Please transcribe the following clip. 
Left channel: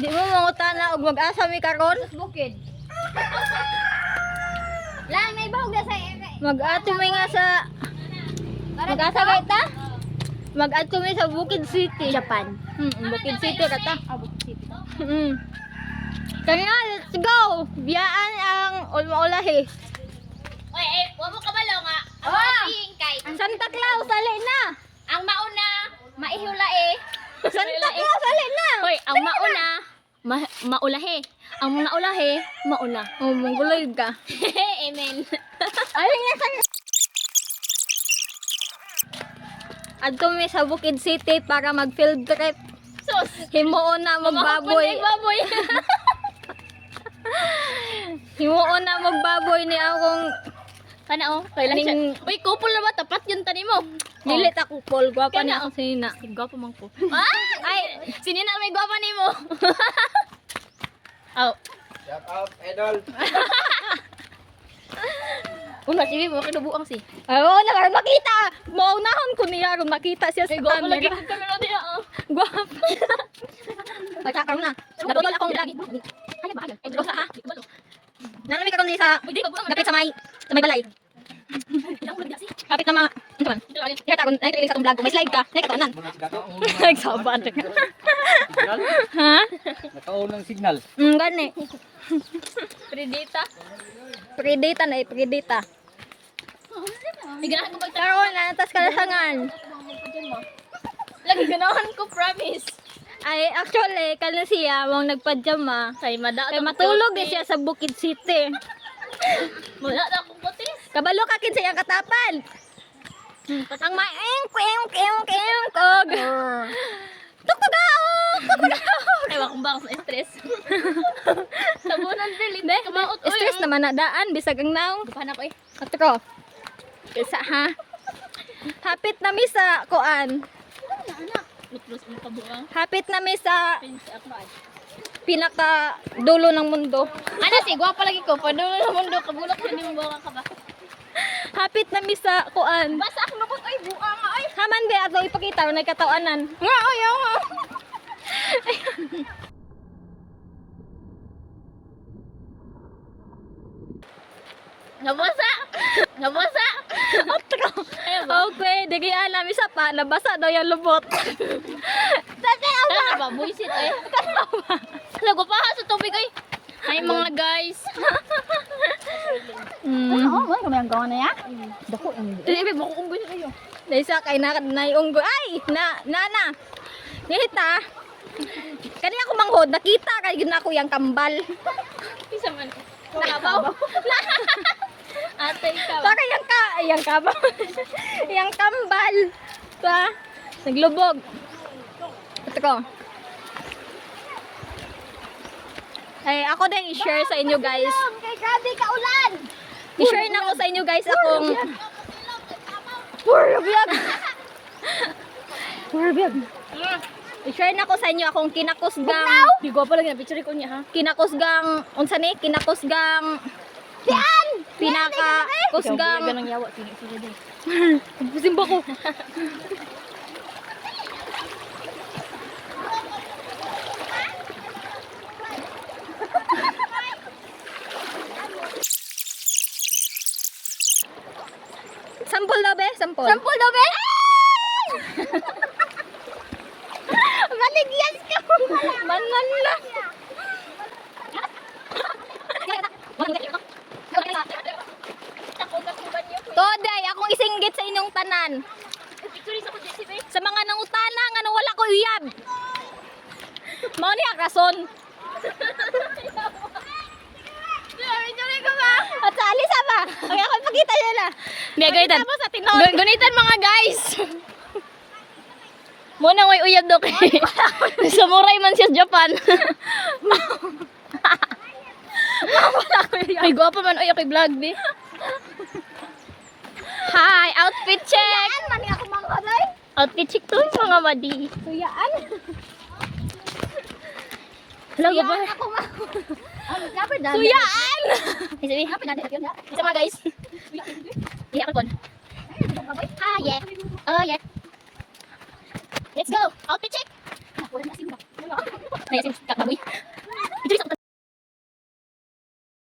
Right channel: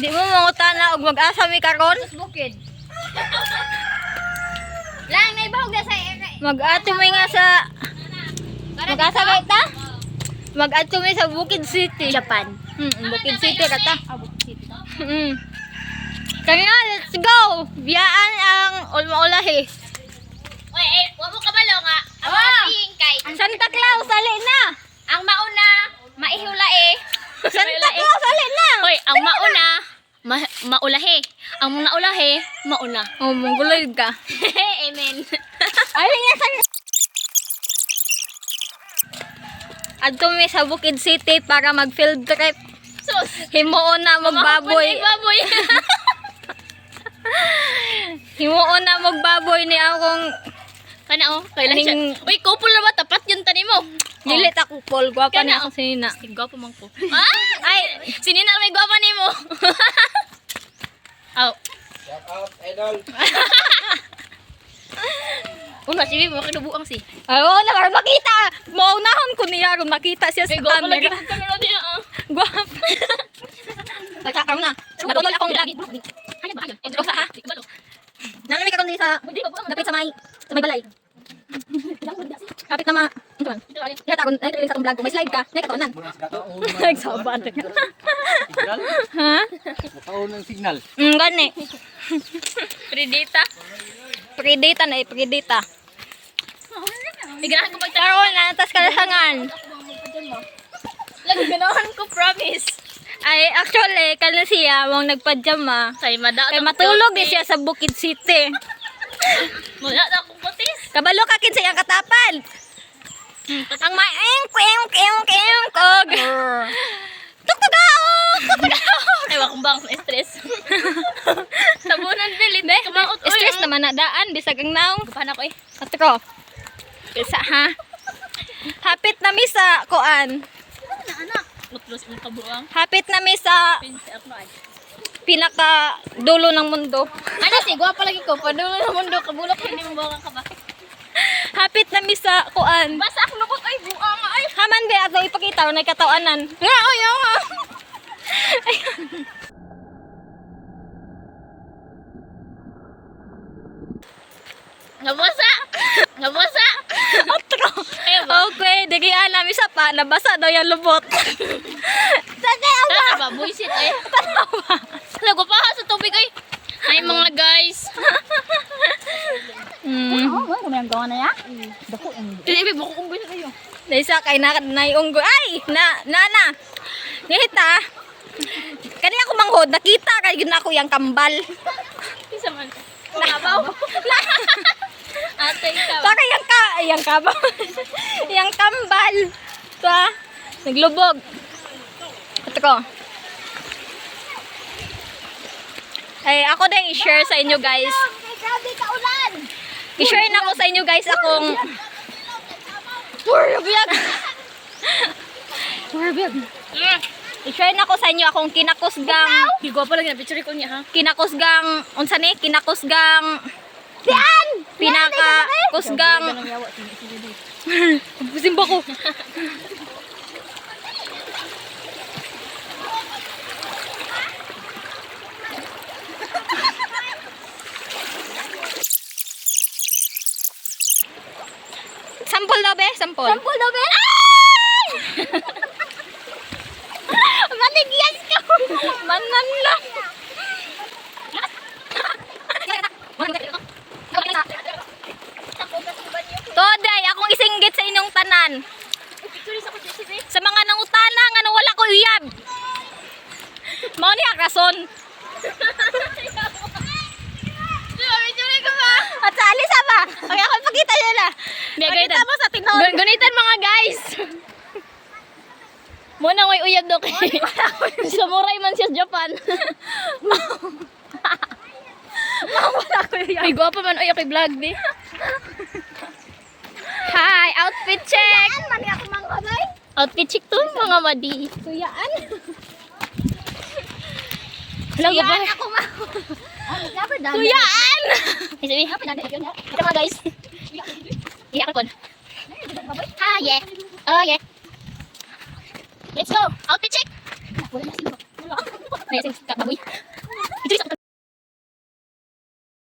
Di mo mangutana og mag-asa mi karon? Bukid. Lang na ibahog na sa Mag-ato mi nga sa mag-asa kay ta? Mag-ato mi sa Bukid City. Japan. Bukid City ka ta. Bukid City. Kaya let's go. Biyaan ang ulma-ulahi. Oy, wa mo kabalo nga. Ang mga pihing kay. Santa Claus ali na. Ang mauna, maihulae. Santa Claus ali na. Hoy, ang mauna, maulahe. Ang naulahe, mauna. Oh, mongoloid ka. Amen. Ali nga sa Adto mi sa Bukid City para mag field trip. Sus. Himuon na magbaboy. Baboy. Himuon na magbaboy ni akong Kana oh, kailan siya. Uy, couple na ba? Tapat yung tanim mo. dili ta kupol, gwapa ni Kana, ako sinina. Gwapo man ko. Ay, sinina may gwapa ni mo. Aw. Shout out, idol. Una, si mo kinubuang si. Ay, oo na karon makita. Maunahon ko niya ron makita siya sa Gwapo lagi camera. ka na niya. Gwapa. Nagkakaroon na. Natutol akong lagi. Ano ba? Intro sa ha. Nanami karon sa dapit sa may balay. Kapit na ito man. Kaya takon, nakikilig sa itong vlog ko. May slide ka, nakikataon Muna si Dato. Nagsabat ka. Signal. Ha? Nakaon ng signal. Gani. Predita. Predata na predata. Igrahan ko pag Karoon na, tas kalasangan. lagi ganahan ko, promise. Ay, actually, kala siya, mong nagpadyama. Say, madao. Kaya matulog din siya sa Bukid City. Wala na akong putis. Kabalo ka kin sa iyang katapan. Ang maeng kog. Tuktugaw! Ay, wakong bang stress. Tabunan, Bill. Hindi, kamaot. Stress naman na daan, bisag ang naong. Kapan ako eh. Katro. Kisa ha? Hapit na mi sa kuan. Anak. Mutlos ng kabuang. Hapit na mi sa Pinsi ako ay. pinaka dulo ng mundo. Ano si, gwapa lagi ko. Padulo ng mundo, kabulak ko, hindi mo baka ka ba? Hapit na mi sa kuan. Basta ako nakot, ay, buang nga ay. Haman be ato ipakita ro nay katawanan. Nga oy nga. Nabasa! Nabasa! Otro. Ayun ba? Okay, digi ana mi sa pa nabasa daw yung lubot. Tara ba? Buisit eh. Lago pa sa tubig ay. Ay mga guys. Mm. Kami ang gawa na ya? Bako ang. Hindi, bako kong buisit ayo. Daysa kay na unggoy. Ay, nana. Ngita. Kani ako manghod nakita kay gyud ako yang kambal. Isa man. Kabaw. Ate ikaw. Para yang kabaw. Yang kambal. Sa naglubog. Ito ko. Ay, ako din i-share sa inyo guys. Grabe ka ulan. I-share na ko sa inyo guys akong I-share na ko sa inyo akong kinakusgang Higo pa lang na picture ko niya ha. kinakusgang unsa ni kinakusgang pinaka kusgang Simba ko. Sampol daw be, sampol. Sampol daw be. Maligyan ka. Manan lang. Today, akong isinggit sa inyong tanan. Sa mga nangutana nga nang wala ko uyab. Mao ni ang rason. At sa alisa ba? Okay, ako pakita nyo na. Pakita mo sa tinon. Gunitan mga guys. Muna may uyab do kay. Samurai man siya sa Japan. Wala ko uyab. Ay gwapo man ay kay vlog ni. Hi, outfit check. Mani ako mangkonoy. Outfit check to mga madi. Tuyaan. Lago pa. Ako ma. Tuyaan. Tuyaan. Ay sabi. Ito mga guys. Iya ka kon. Ah yeah. Oh yeah. Let's go. Outfit check. Ay, sin baboy. Ito